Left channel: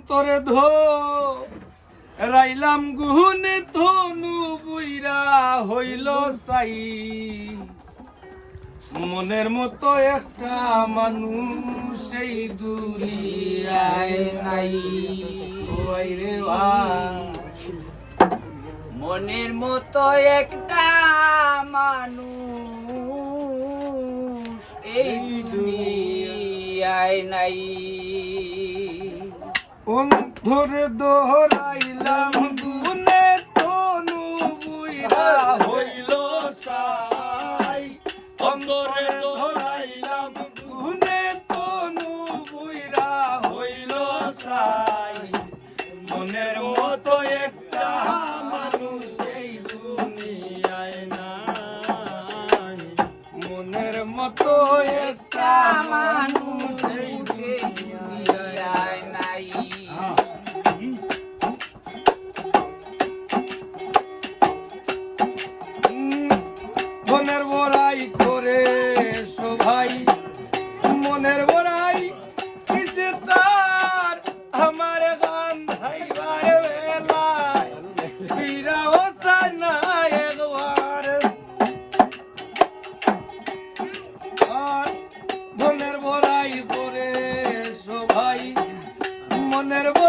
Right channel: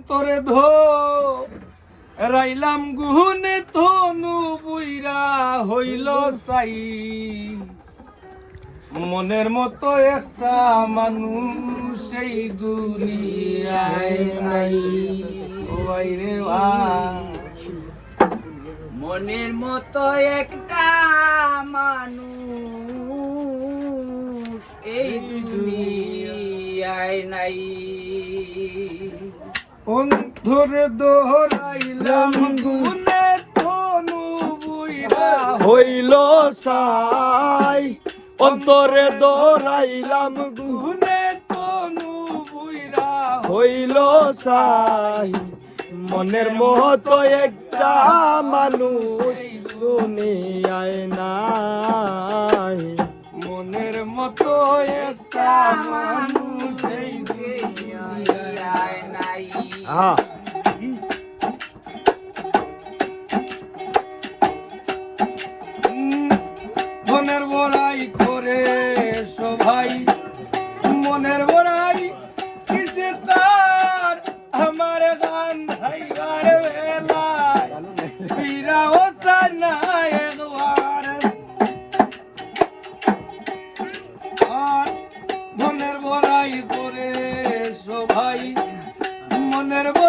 তোরে ধো রাইলাম গুহনে তনু বুইরা হইল সাই। মনের মতো একটা মানুষ সেই দুনিয়ায় নাই। আই রে ভাই মনের মতো একটা মানুষ এই দুনিয়ায় নাই। অন্ধরে দোহরাইলাম, গুনে তনু হইল সাই। অন্তরে দোহরাইলাম, গুনে তনু বুইরা হইল সাই। মনের মতো একটা মানুষ দুনিয়ায় মতো একটা মানুষ এই দুনিয়ায় নাই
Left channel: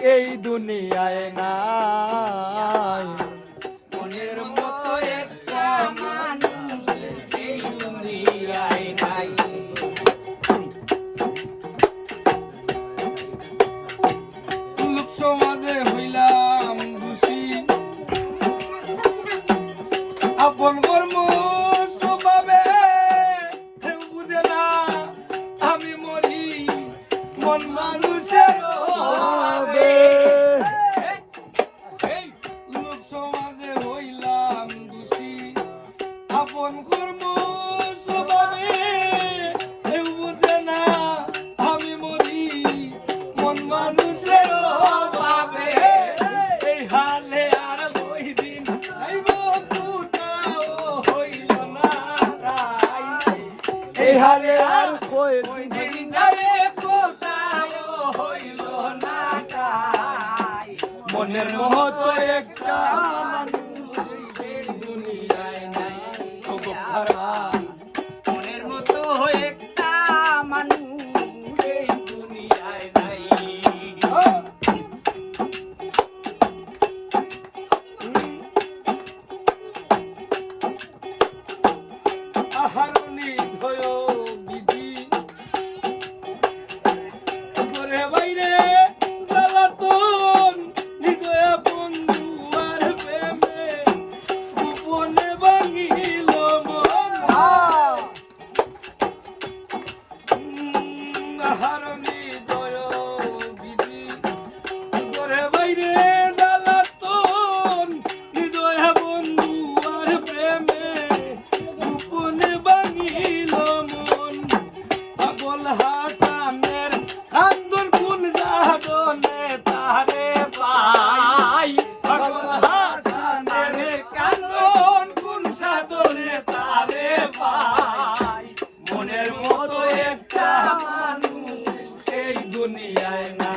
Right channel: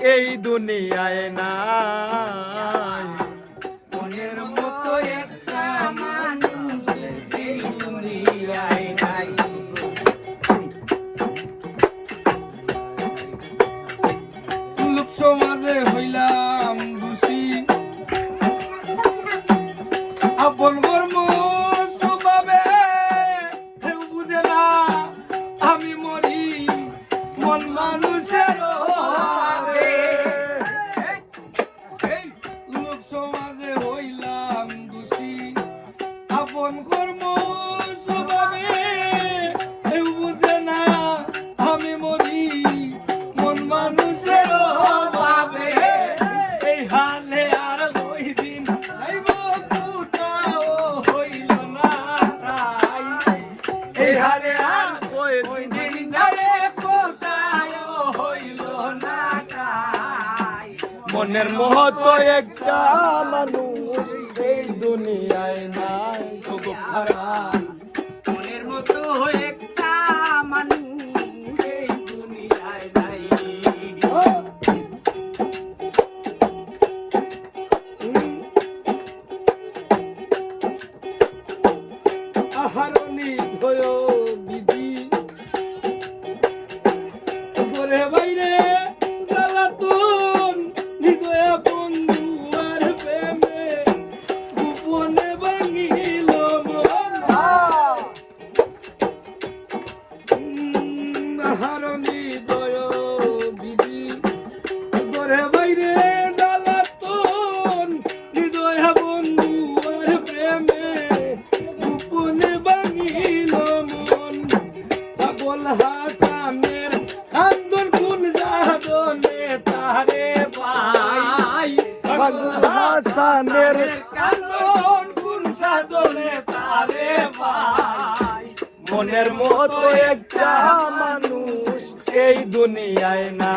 এই দুনিয়ায় নাই। মনের মতো একটা মানুষ এই দুনিয়ায় নাই। লোক সমাজে হইলাম দোষী। আপন কর্ম না। আমি মরি মন মানুষের আপন কর্ম স্বভাবে কেউ বুঝে না। আমি মরি, মন মানুষের অভাবে। এই হালে আর ওই দিন আইব কোথাও হইল না তাই। এই হালে আর ওই দিন যাবে কোথাও হইল না তাই। মনের মতো একটা মানুষ এই দুনিয়ায় মতো একটা মানুষ এই দুনিয়ায় না